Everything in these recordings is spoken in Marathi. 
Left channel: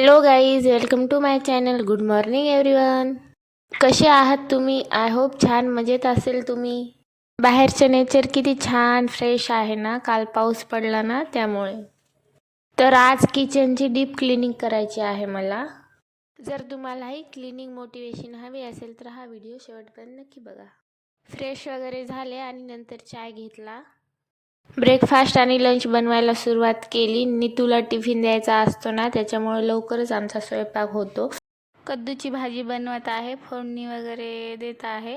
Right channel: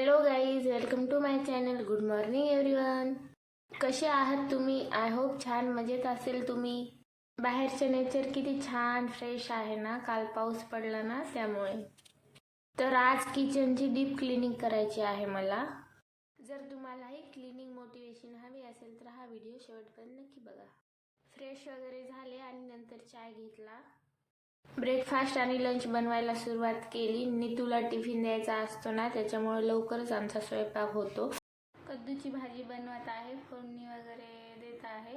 Hello guys, welcome to my channel. Good morning everyone. कसे आहात तुम्ही? आय होप छान मजेत असेल तुम्ही. बाहेरचं नेचर किती छान फ्रेश आहे ना, काल पाऊस पडला ना त्यामुळे. तर आज किचनची डीप क्लिनिंग करायची आहे मला. जर तुम्हालाही क्लिनिंग मोटिवेशन हवी असेल तर हा व्हिडिओ शेवटपर्यंत नक्की बघा. फ्रेश वगैरे झाले आणि नंतर चाय घेतला. ब्रेकफास्ट आणि लंच बनवायला सुरुवात केली. नीतूला टिफिन द्यायचा असतो ना, त्याच्यामुळे लवकरच आमचा स्वयंपाक होतो. कद्दूची भाजी बनवत आहे, फोडणी वगैरे देत आहे.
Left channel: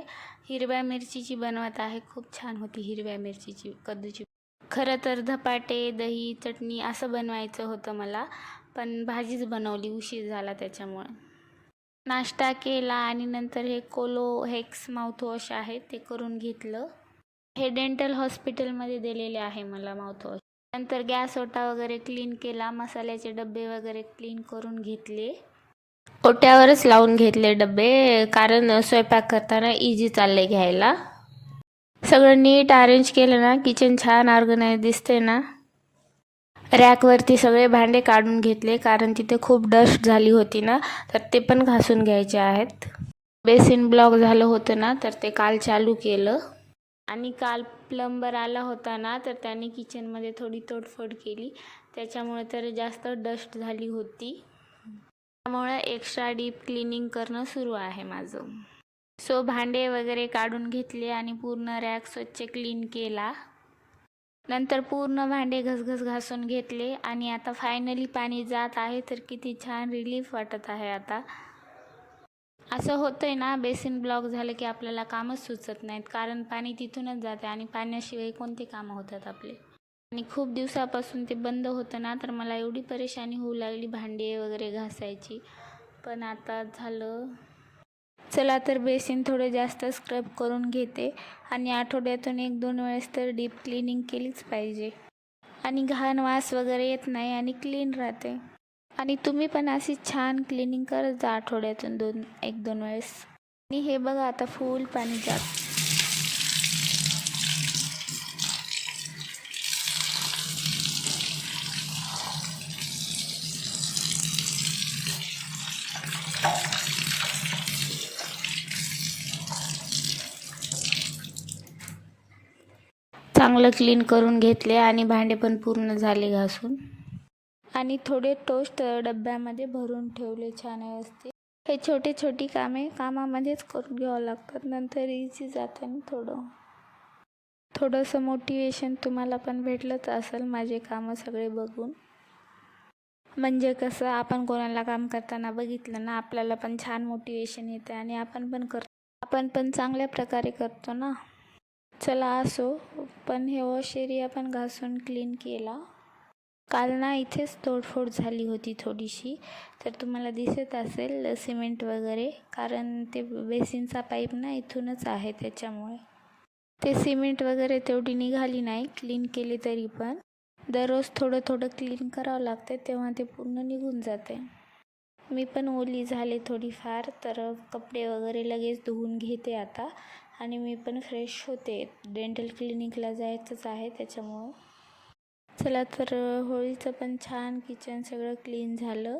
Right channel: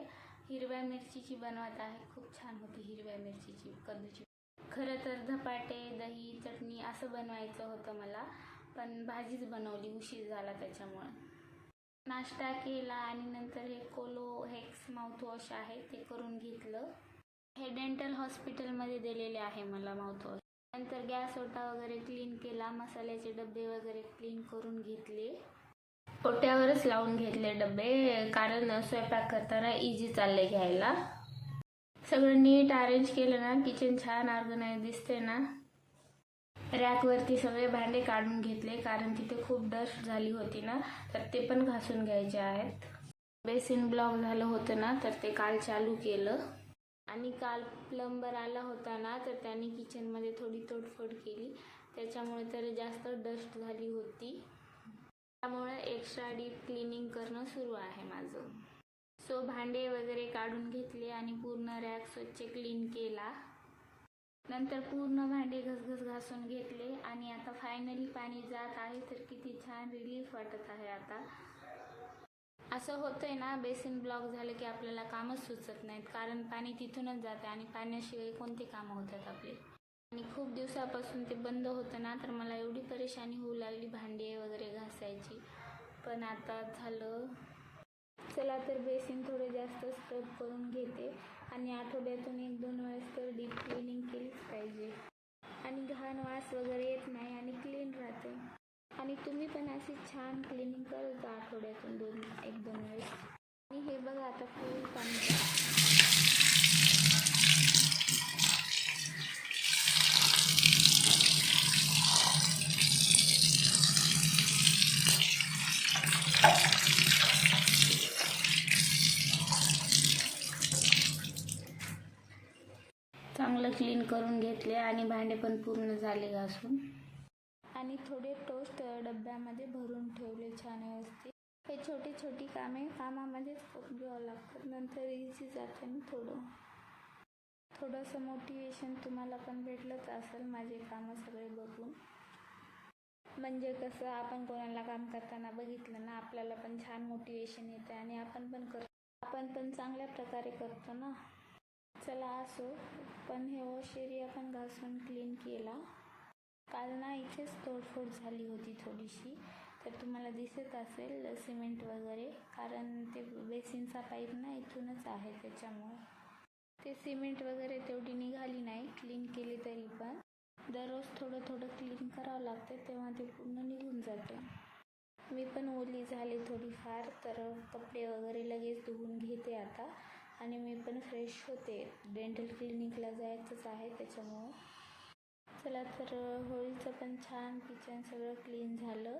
हिरव्या मिरचीची बनवत आहे, खूप छान होती हिरव्या मिरचीची कद्दूची. खरं तर धपाटे, दही, चटणी असं बनवायचं होतं मला, पण भाजीच बनवली, उशीर झाला त्याच्यामुळे. नाश्ता केला आणि नंतर हे कोलो हेक्स माउथवॉश आहे ते करून घेतलं. हे डेंटल हॉस्पिटलमध्ये दिलेले आहे मला माउथवॉश. नंतर गॅस ओटा वगैरे क्लीन केला, मसाल्याचे डबे वगैरे क्लीन करून घेतले. ओट्यावरच लावून घेतले डबे, कारण स्वयंपाक करताना इझी चाललंय घ्यायला. सगळं नीट अरेंज केलं ना, किचन छान ऑर्गनाइज दिसते ना. रॅकवरती सगळे भांडे काढून घेतले, कारण तिथे खूप डस्ट झाली होती ना, तर ते पण घासून घ्यायचे आहेत. बेसिन ब्लॉक झालं होतं ना, तर ते काल चालू केलं. आणि काल प्लंबर आला होता ना, तर त्यांनी किचनमध्ये थोडी तोडफोड केली, त्याच्यामुळे तर जास्त डस्ट झाली होती. त्यामुळे एक्स्ट्रा डीप क्लिनिंग करणं सुरू आहे माझं. सो भांडे वगैरे काढून घेतले आणि पूर्ण रॅक स्वच्छ क्लीन केला. नंतर पूर्ण भांडे घसघस घासून घेतले आणि आता फायनली पाणी जात आहे, तर किती छान रिलीफ वाटत आहे आता. असं होतंय ना, बेसिन ब्लॉक झालं की आपल्याला कामच सुचत नाहीत, कारण पाणी तिथूनच जाते आणि पाण्याशिवाय कोणते कामं होतात आपले. आणि खूप दिवसापासून ते बंद होतं ना, तर मला एवढी परेशानी होऊ लागली भांडे वगैरे घासायची, पण आता झालं. चला तर बेसिन थोडे जास्त स्क्रब करून घेते आणि आठवड्यातून 1-2 वेळेस तर डीप क्लिनिंग केलीच पाहिजे, आणि घाण वास वगैरे येत नाही आणि क्लीन राहते. आणि तुम्ही पण अशी छान क्लिनिंग करत जा आठवड्यातून 1-2 वेळेस. आणि हे बघा, आता फुल पाणी जात. चांगलं क्लीन करून घेतले आणि भांडे पण पूर्ण झाले घासून. आणि थोडे टोस्ट डब्यामध्ये भरून ठेवले छान व्यवस्थित. हे छोटी कामामध्येच करून घ्यावं लागतात, नंतर इझी जातं आणि थोडंसं मोटिवेशन तुम्हाला पण भेटलंच असेल माझे कामं सगळे बघून. म्हणजे कसं, आपण कोणाला काम करताना बघितलं ना, आपल्याला पण छान मोटिवेशन येते आणि आपण पण चांगल्या प्रकारे करतो ना. चला असो, पण हे वॉश एरिया पण घासून क्लीन केला. काल ना इथेच तोडफोड झाली होती थोडीशी, तर तुम्हाला दिसत असेल सिमेंट वगैरे, कारण ते बेसिनचा पाईप ना इथूनच आहे, त्याच्यामुळे ते सिमेंट वगैरे तेवढी निघाली नाही. क्लीन केली तरी पण दररोज थोडं क्लीन करावं लागते, तेव्हा ते पूर्ण निघून जाते. मी पण ओली झाले थोडीफार, तर कपडे वगैरे लगेच धुवून घेते आता, आणि मी पण फ्रेश होते. डेंटल क्लिनिकला जायचंच आहे त्याच्यामुळं. चला तर होळीचं पण छान किचन सगळं क्लीन झालं.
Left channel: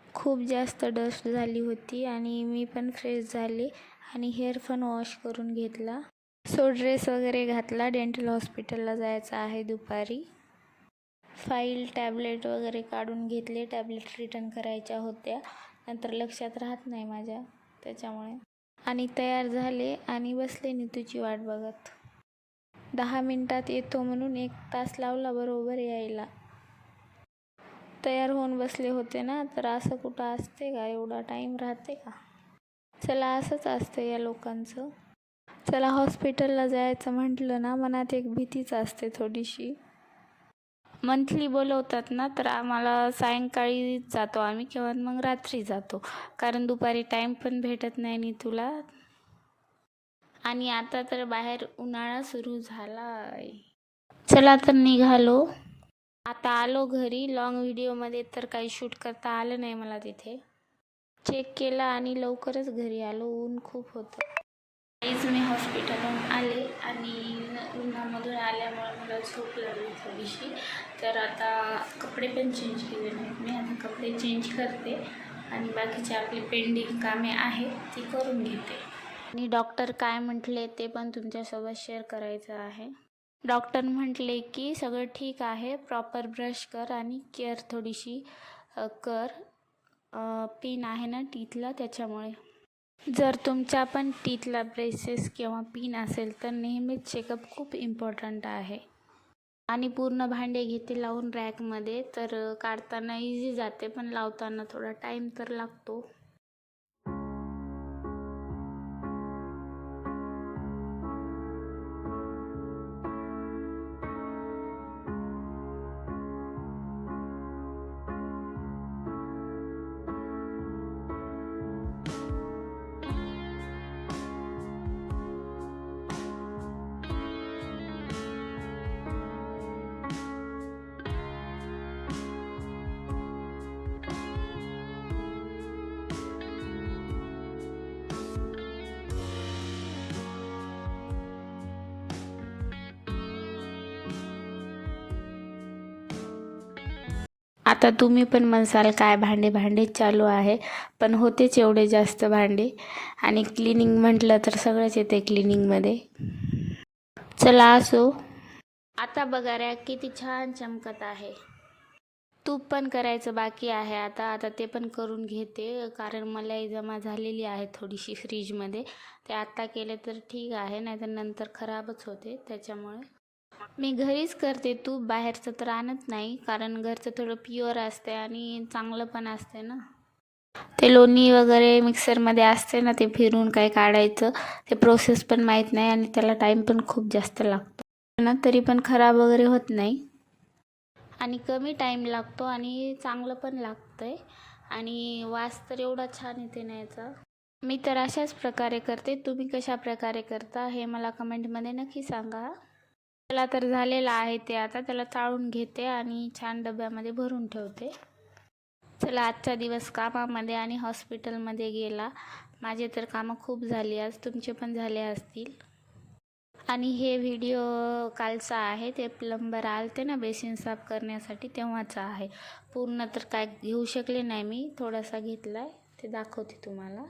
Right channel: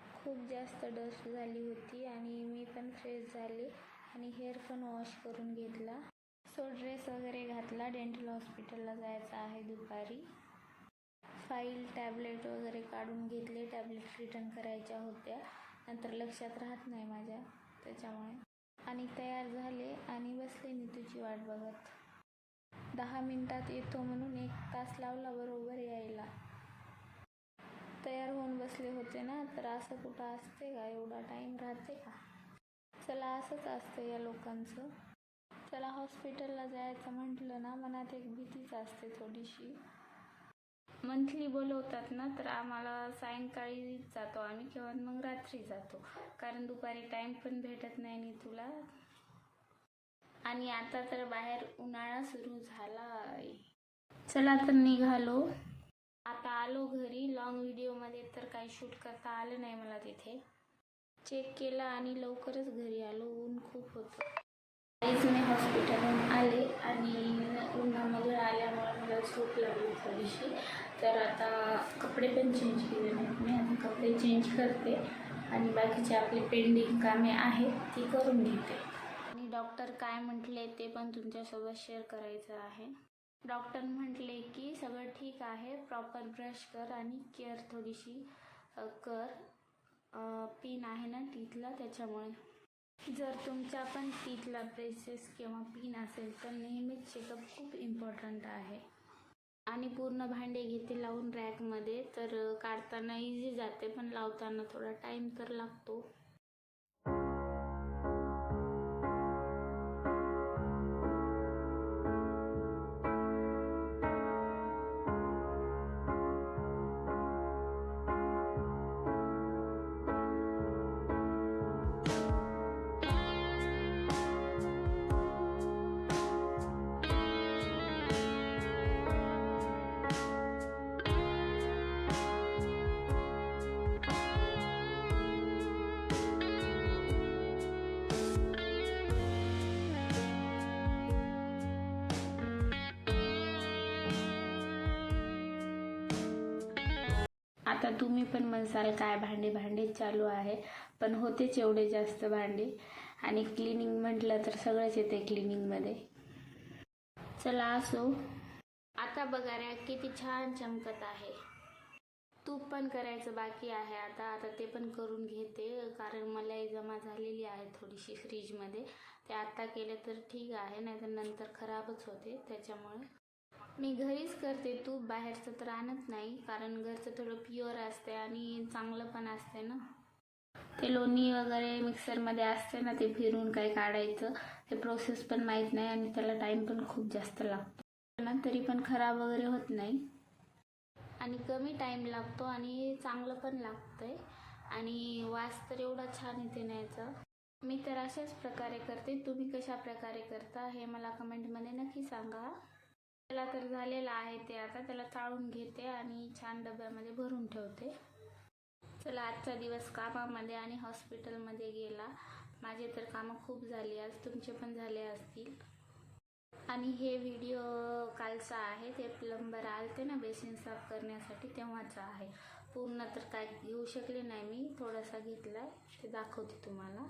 खूप जास्त डस्ट झाली होती आणि मी पण फ्रेश झाले आणि हेअर पण वॉश करून घेतला. सो ड्रेस वगैरे घातला, डेंटल हॉस्पिटलला जायचं आहे दुपारी. फाईल टॅबलेट वगैरे काढून घेतले, टॅबलेट रिटर्न करायच्या होत्या, नंतर लक्षात राहत नाही माझ्या, त्याच्यामुळे. आणि तयार झाले आणि बसले नीतूची वाट बघत. 10 मिनिटात येतो म्हणून 1 तास लावला बरोबर यायला. तयार होऊन बसले होते ना, तर असं कुठं असते का, एवढा टाईम राहते का? चला, असंच असतं या लोकांचं. चला, हॉस्पिटलला जायचं म्हटलं ना, मनात एक भीतीच असते थोडीशी. मंथली बोलवतात ना, तर आम्हाला सायंकाळी जातो आम्ही, किंवा मग रात्री जातो, कारण दुपारी टाईम पण भेटत नाही नीतूला. आणि आता तर बाहेर उन्हाळा सुरू झालाय. चला तर निघालो. आता आलो घरी. लॉंग व्हिडिओमध्ये तर काही शूट करता आलं नाही मला. तिथे चेक केला आणि लवकरच घरी आलो, ऊन खूप होतं. आईच मी हॉस्पिटलहून आले आणि उन्हामधून आल्यामुळे मला झोप लागली थोडीशी, तर आता कपडे पण चेंज केले नाहीत मी. आता कपडे चेंज करते आणि बाकीचे आपली पेंडिंग कामे आहेत ती करून घेते. आणि डॉक्टर काय म्हटले ते पण तुमच्यासोबत शेअर करायचं आहे. डॉक्टर म्हटले की सगळं ठीक आहे, प्रॉपर ब्रश कर आणि केअर थोडीशी कर. पिन आहे ना टीथला त्याच्यामुळे. जर तुमच्या पण टीथला ब्रेसेस किंवा पिन असेल तर नेहमीच चेकअप खूप इम्पॉर्टंट आहे. आणि पूर्ण भांडे घेते लावून रॅकमध्ये, तर काढताना इझी जाते पण लावताना थोडा टाईम तर लागतो. आता तुम्ही पण म्हणसाल काय भांडेच चालू आहे, पण होतेच एवढे जास्त भांडे. आणि क्लिनिंग म्हटलं तर सगळंच येते क्लिनिंगमध्ये. चला असो. आता बघा रॅक किती छान चमकत आहे. तूप पण करायचं बाकी आहे आता ते पण करून घेते, कारण मलाई जमा झालेली आहे थोडीशी फ्रीजमध्ये. ते आत्ता केले तर ठीक आहे, नाहीतर नंतर खराबच होते. त्याच्यामुळे मी घरीच करते तूप, बाहेरचं तर आणत नाही, कारण घरचं थोडं प्युअर असते आणि चांगलं पण असते ना. ते लोणी वगैरे मिक्सरमध्ये असते ना, ते फिरून काय काढायचं ते प्रोसेस पण माहीत नाही आणि त्याला टाईम पण खूप जास्त लागतो ना, तरी पण खराब वगैरे होत नाही आणि कमी टाईम लागतो आणि चांगलं पण लागतंय. आणि वास तर एवढा छान येते ना याचा. मी तर अशाच प्रकारे करते, तुम्ही कशा प्रकारे करता हे मला कमेंटमध्ये नक्की सांगा. त्याला तर झालेलं आहे ते, आता त्याला चाळून घेते आणि छान डब्यामध्ये भरून ठेवते. चला, आजचा दिवस कामामध्ये आणि हॉस्पिटलमध्ये गेला. माझे तर कामं खूप झाली आज, तुमचे पण झाले असतील. आणि हे व्हिडिओ कालचा आहे, ते प्लंबर आलते ना बेसिन साफ करण्यासाठी तेव्हाचा आहे. पूर्ण तर काय घेऊ शकले नाही मी, थोडासा घेतलाय, ते दाखवते तुम्हाला.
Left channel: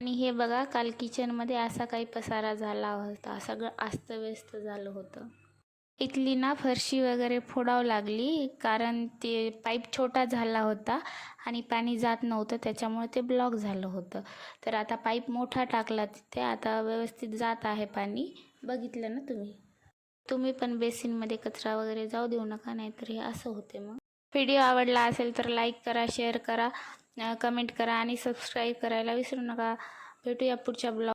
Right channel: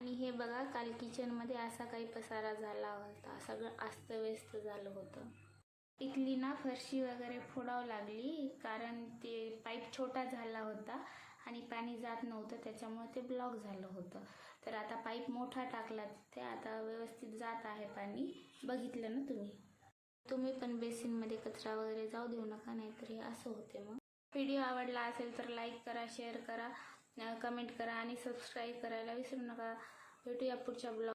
आणि हे बघा, काल किचनमध्ये असा काही पसारा झाला होता, सगळं अस्तव्यस्त झालं होतं. इथली ना फरशी वगैरे फोडावं लागली, कारण ते पाईप छोटा झाला होता आणि पाणी जात नव्हतं, त्याच्यामुळे ते ब्लॉक झालं होतं. तर आता पाईप मोठा टाकला तिथे, आता व्यवस्थित जात आहे पाणी. बघितलं ना तुम्ही पण बेसिनमध्ये कचरा वगैरे जाऊ देऊ नका, नाहीतर हे असं होते. मग व्हिडिओ आवडला असेल तर लाईक करा, शेअर करा, कमेंट करा आणि सबस्क्राईब करायला विसरू नका. भेटूया पुढच्या ब्लॉग.